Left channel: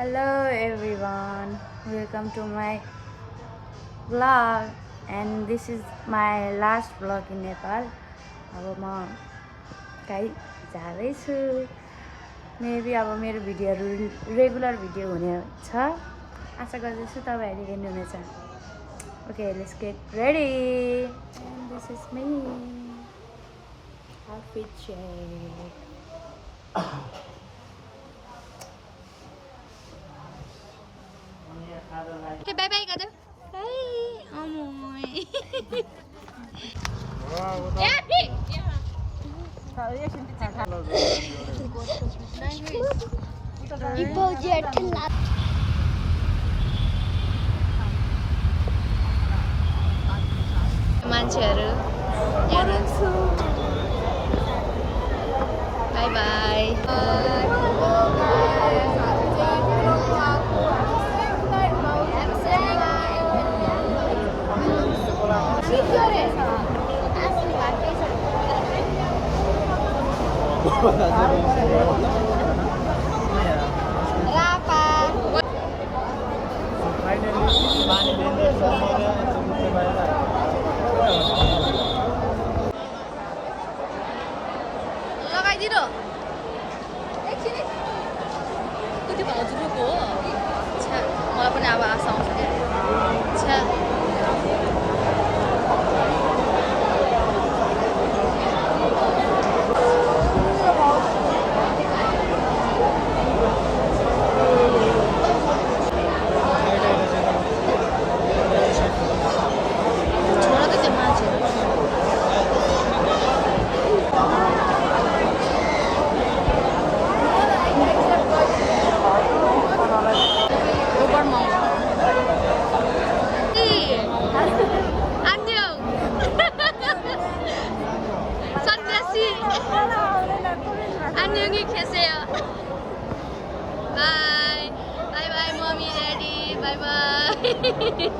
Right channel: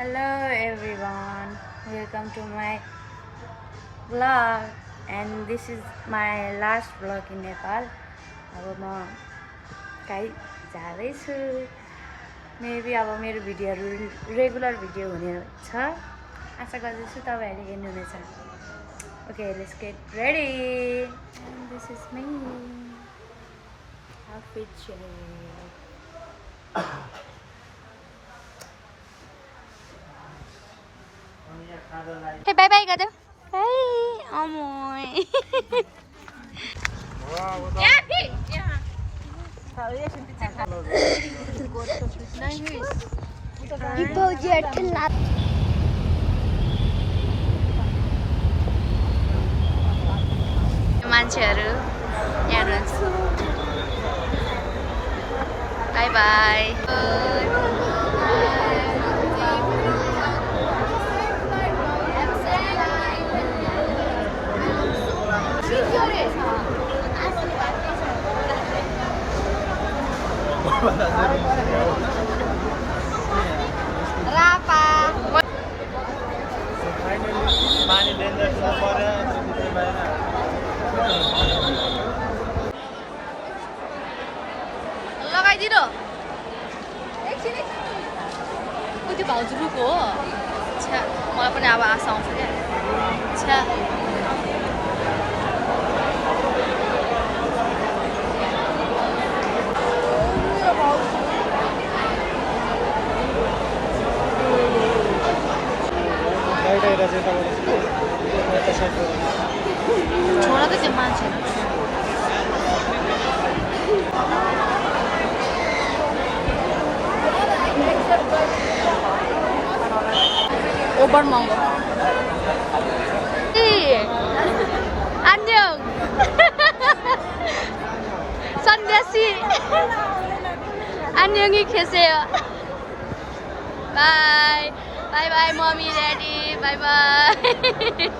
Hello everyone, welcome to my vlog and this is my last vlog in Nepal. अब म कहीँ जाँदैछु maybe अब मेरो भिडियोहरू रेगुलर भिडियो हुनेछ आशा गर्दैछु तपाईहरुले हेर्नुहुनेछ. Okay, let's get ready. And this is me. Outfit check. Hey, bye bye, Gado. Hey, amoy. मान्छेहरु हेर्नुहुन्छ. Bye bye. लगाइदिनु कति भाउजूको हो छ्या मलाई पनि अब आशा आउँछ क्या छ्या छोरा त त्यो मान्छे ओभर महँगो 안녕 선대씨 안녕히 계세요. 바이 바이바이 머미 데디 바이바이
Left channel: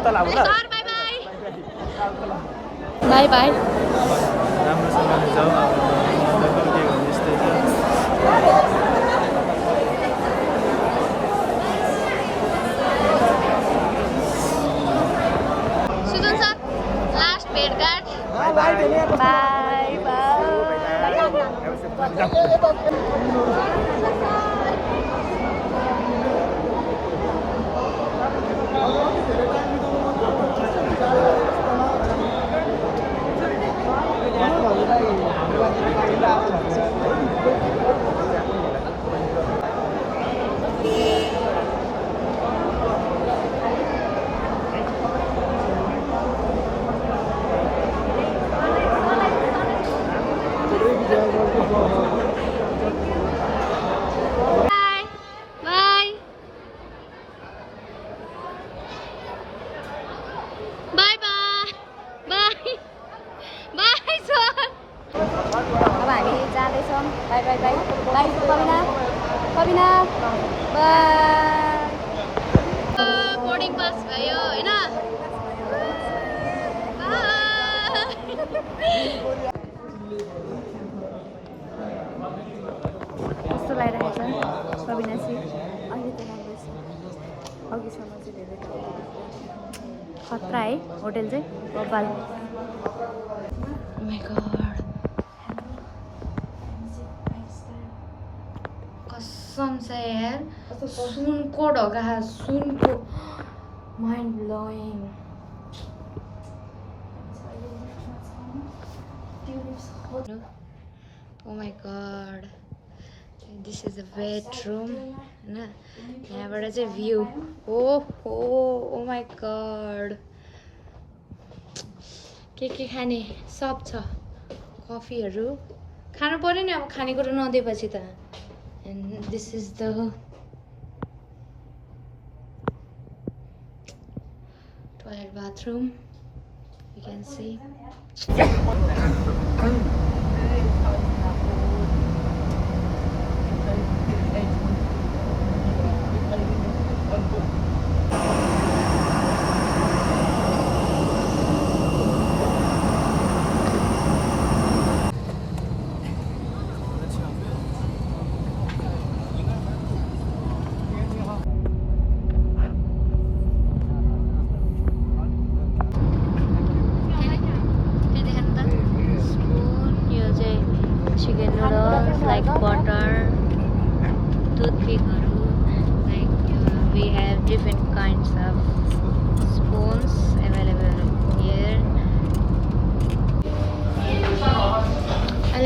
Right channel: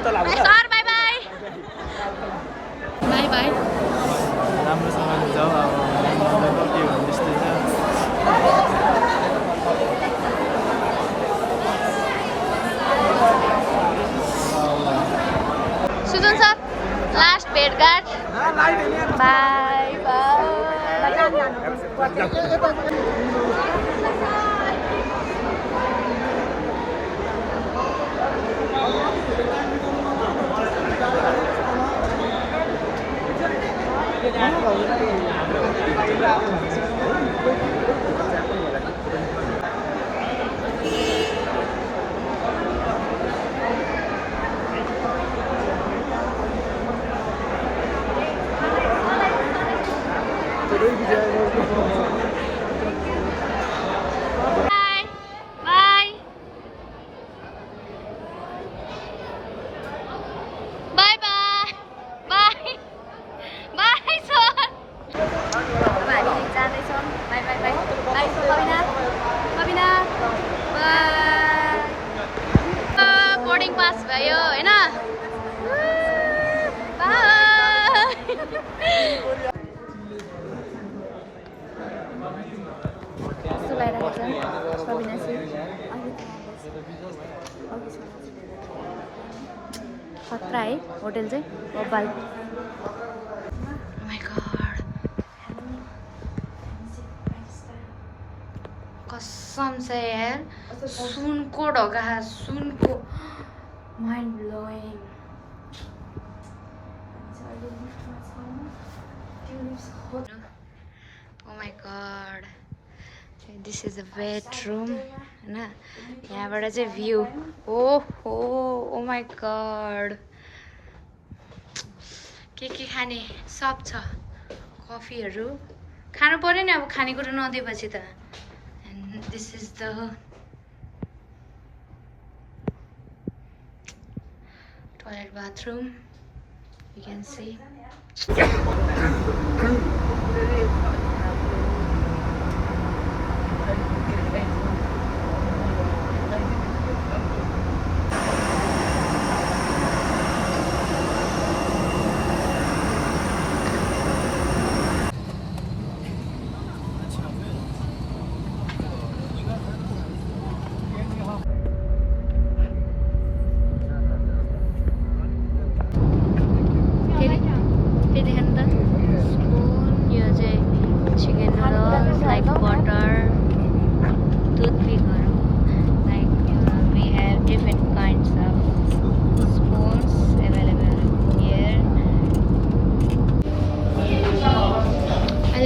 Bye bye. Sir, bye bye. Bye bye. राम्रोसँगले जाऊ अब नदेखाउ के हो यस्तै छ. सुजन सर लास्ट भेटघाट. Bye bye. Bye bye bye. Bye Pavina. Pavina. Bye. Boarding pass भयो हैन. Bye. कस्तो लागिरहेको छ सबिनासी अहिले त राम्रो छ अघिसम्म चाहिँ धेरै खतरा है होटल चाहिँ बबाल. Oh my god. कसम से यार सुनको ढोका सुनको mind blowing. Oh my god. This is a bedroom हैन यहाँबाट चाहिँ भ्यू. ओहो oh my god. के खाने सब छ कफीहरु खानु पर्यो नि अब खानेकुरा नदिएपछि त. And this is the toilet bathroom. You can see.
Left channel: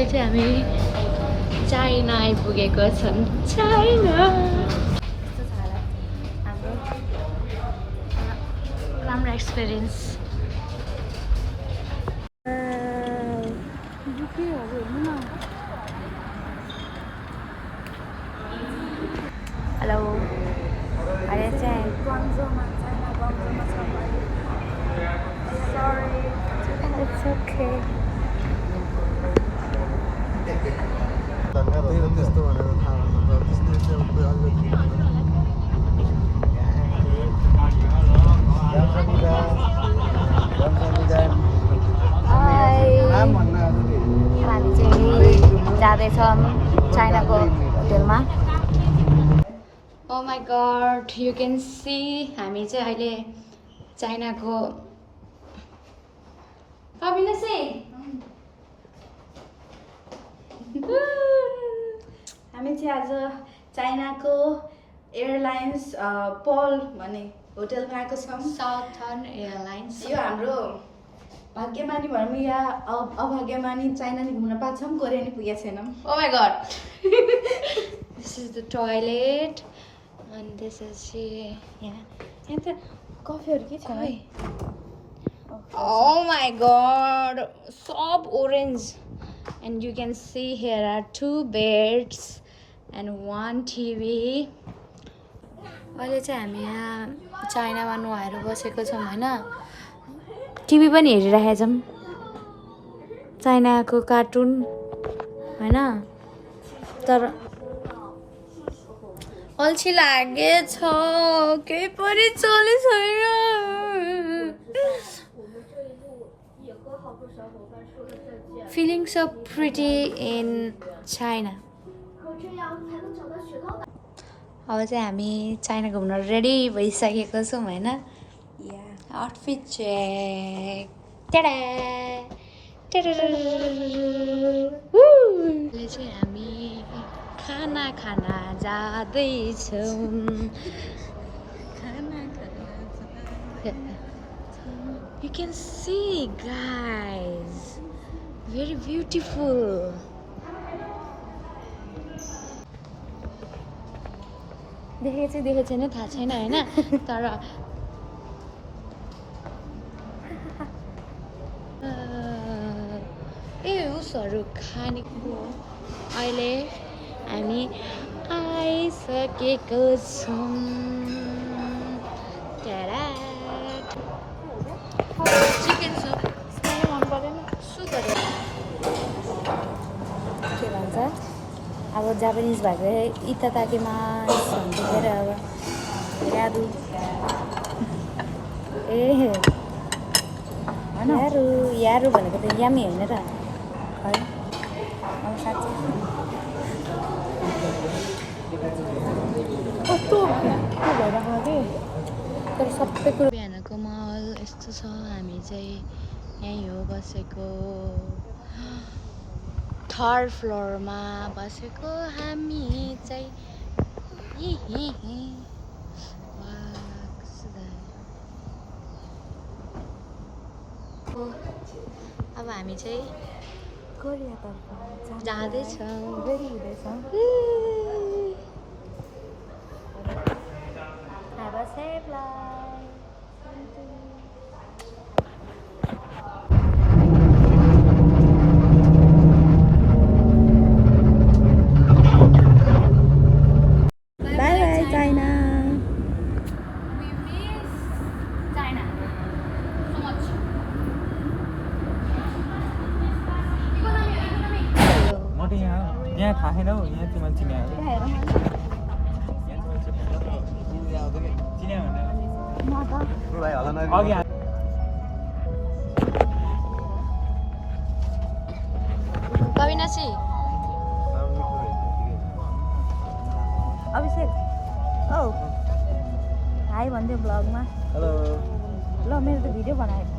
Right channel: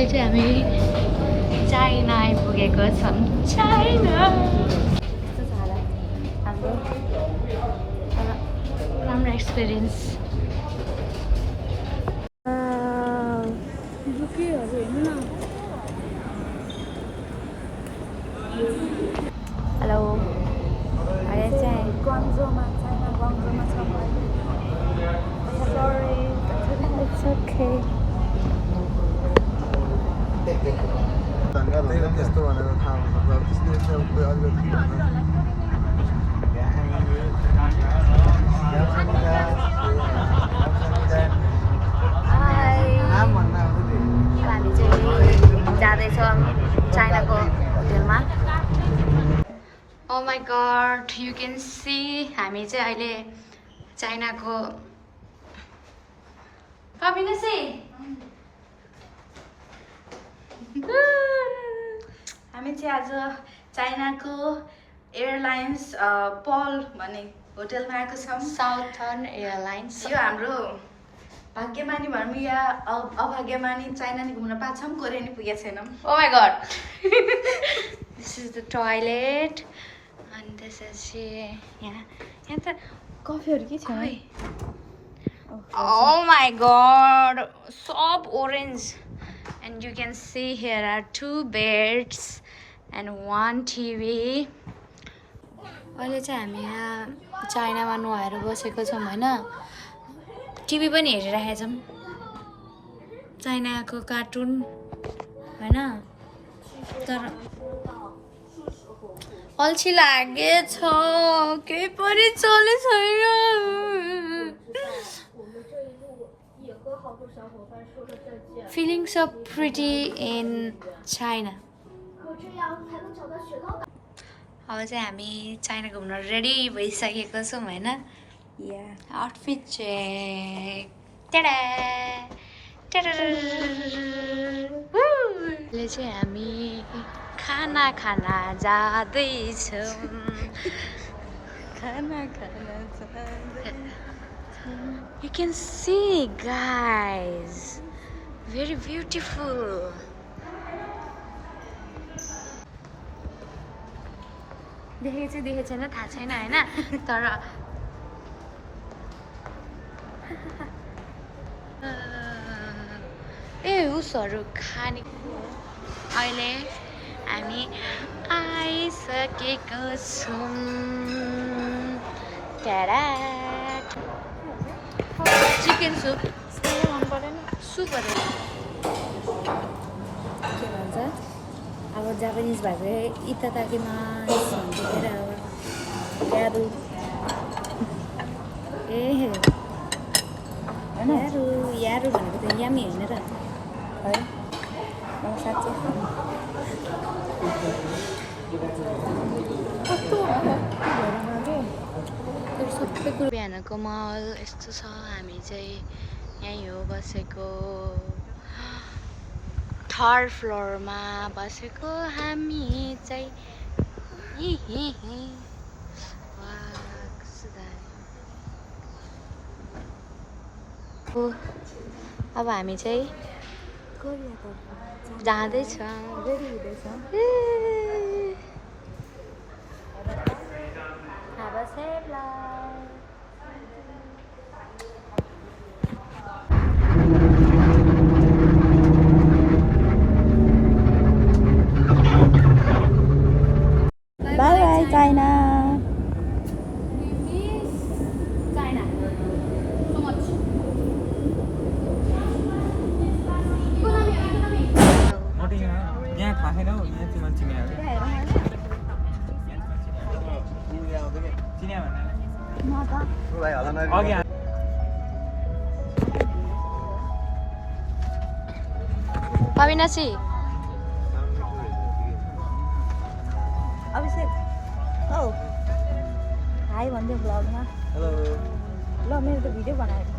अहिले चाहिँ हामी चाइना आइपुगेको छौँ चाइना कस्तो छ हालत हाम्रो राम्रो एक्सपिरियन्स हेलो अहिले चाहिँ गङ्जोमा चाइना गङ्जोमा छौँ अहिले It's okay. हामी चाहिँ जाँदैछौँ चाइनाको होटेलमा Oh my god, you can see हामी चाहिँ अहिले चाइनाको कबिनसी हामी चाहिँ आज चाइनाको एयरलाइन्स पल भन्ने होटेलमा आएको छौँ साउथर्न एयरलाइन्स यो हाम्रो भाग्यमानी भनौँ या अभाग्यमानी चाइना नि घुम्न पाएको छौँ कोरिया नि पुगेको छैनौँ oh my god this is the toilet and this is यहाँ त कफीहरू के छ Oh my god, so orange. And you can see here are 2 beds and 1 TV. अहिले चाहिँ हामी यहाँ चाइनामा नुहाएर बसेको छौँ होइन टिभी पनि हेरिरहेका छौँ चाइनाको कार्टुन होइन तर अल्छी लागेछ केही पनि चले छैन Feeling so pretty in China. अब चाहिँ हामी चाइना घुम्न रेडी भइसकेको छौँ होइन आउटफिट चेक अहिले चाहिँ हामी खाना खाना जाँदैछौँ You can see guys very beautiful देखेको छैन थाहा छैन होइन तर उसहरू खाने अहिले हामी आइसकेको छौँ चिकन सुप के भन्छ अब जापानिज भएको इताकाकीमा भन्छ अरे अब यारु ए होइन यारु भनेको त यामी होइन र है मलाई साँच्चै तर सबै कुरो बिहानको माहौल यस्तो छ हामी चाहिँ यहीँ हो बसेको 3rd फ्लोरमा बसेको हामी चाहिँ अब हामी चाहिँ कोरियातर्फ जाँदैछौँ Have a safe life. Bye bye China. We miss China so much. Economy. यहाँ थाहा छैन हौ यहाँ चाहिँ मान्छे यहाँ चिन्या भन्दा Pavinashi. Abhishek. Oh. Hi भन्दै भ्लगमा. हेलो ल मेरो त भिडियो बनाएको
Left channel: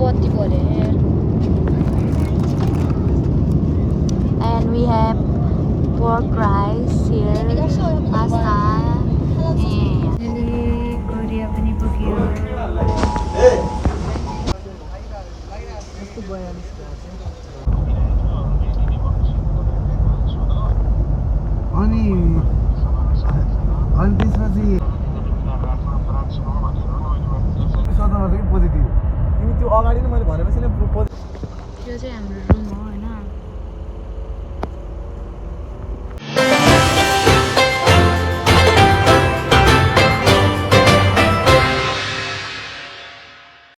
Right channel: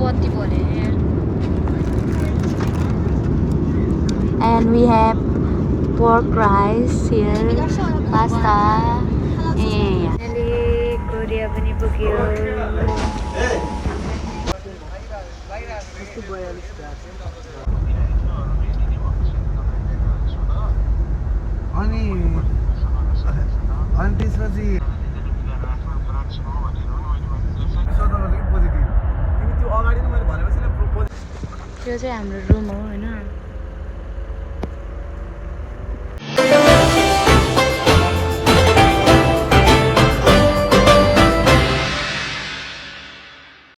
बत्ती बल्यो and we have pork rice here pasta and Korea पनि पुग्यो अनि त्यसपछि पोजिटिभ तिमी त्यो अगाडि नै मैले भनेपछि नै त्यो चाहिँ हाम्रो रुम हो